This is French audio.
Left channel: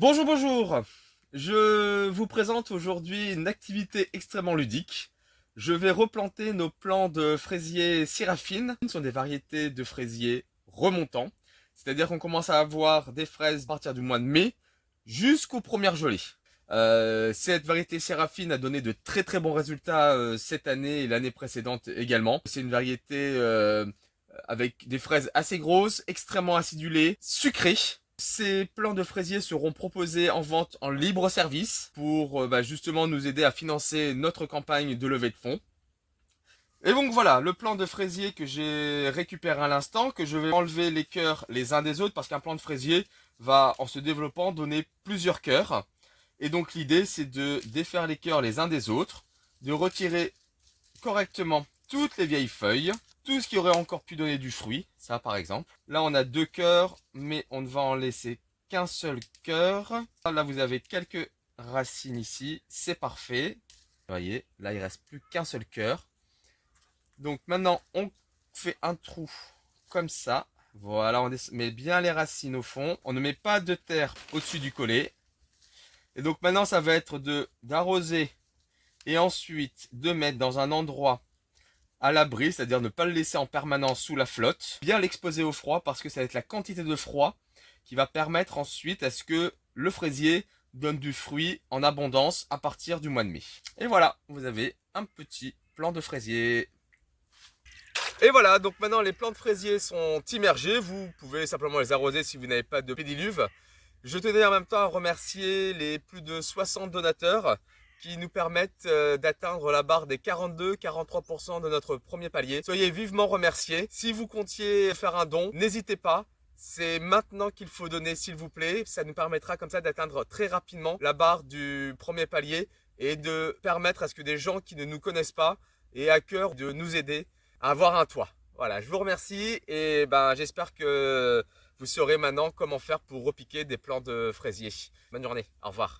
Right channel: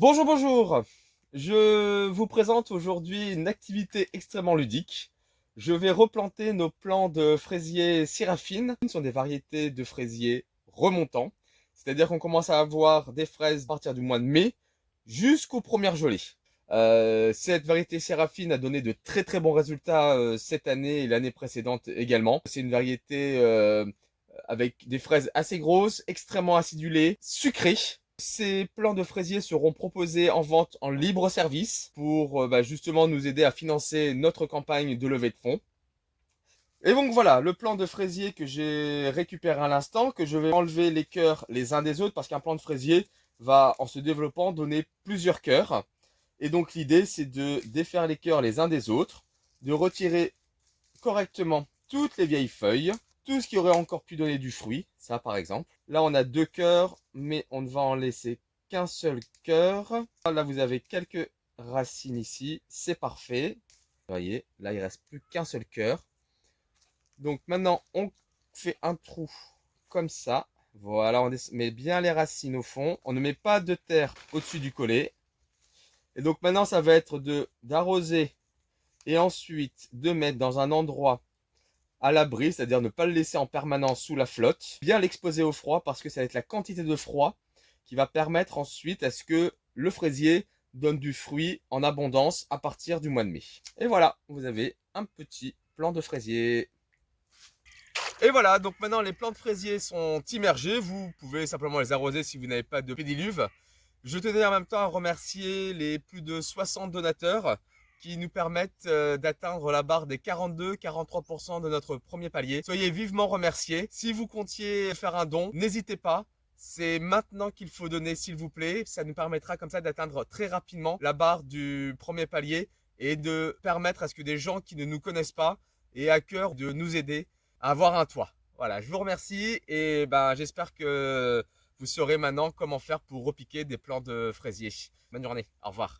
Bonjour, bonjour. Je vous présente aujourd'hui une activité extrêmement ludique. Je vais replanter nos plants de fraisiers Séraphine. Ce sont des variétés de fraisiers remontants. C'est-à-dire qu'on commence à avoir des fraises à partir du mois de mai jusqu'aux premières gelées. Cette variété Séraphine a donné de très très bons résultats cette année et l'année précédente également. C'est une variété avec des fraises assez grosses, extrêmement acidulées, sucrées. Ces plants de fraisiers seront proposés en vente en libre service pour justement nous aider à financer notre campagne de levée de fonds. Et donc voilà, le plant de fraisier que j'ai récupéré à l'instant, que je vais enlever les cœurs les uns des autres parce qu'un plant de fraisier va, en se développant, donner plusieurs cœurs. Et donc l'idée, c'est de défaire les cœurs les uns des autres, de retirer correctement toutes les vieilles feuilles, tout ce qui aurait encore pu donner du fruit, ça par exemple. Là on a deux cœurs, mais on ne va en laisser qu'un seul cœur. Là vous avez quelques racines ici, c'est parfait. Vous voyez, là il reste plus qu'un seul cœur. Donc maintenant on fait un trou comme ça. Voilà, on met bien les racines au fond. On ne met pas de terre au-dessus du collet. Et donc maintenant ça va être d'arroser et ensuite de mettre dans un endroit à l'abri, c'est-à-dire ne pas le laisser en permanence sous la flotte, bien l'exposer au froid parce que ça va être la quantité de froid qui va permettre ensuite à ce que le fraisier donne du fruit en abondance à partir du mois de mai. Et voilà, vous avez un petit plant de fraisier. Et voilà, donc maintenant les plants de fraisier sont immergés, vous pouvez simplement les arroser si vous n'avez pas de pédiluve. Je tenais en même temps à remercier les plus de 60 donateurs qui nous permettent d'atteindre la barre des 42-43% de notre premier palier. Soyez vivement remerciés. Si vous comptiez faire un don, n'hésitez pas. C'est maintenant qu'il faut donner, s'il vous plaît. Ça nous permettra comme ça d'atteindre très rapidement la barre du premier palier et de permettre à ce que des gens qui ne nous connaissent pas aient à cœur de nous aider à avoir un toit. Voilà, je vous remercie et j'espère que vous saurez maintenant comment faire pour repiquer des plants de fraisier. Bonne journée, au revoir.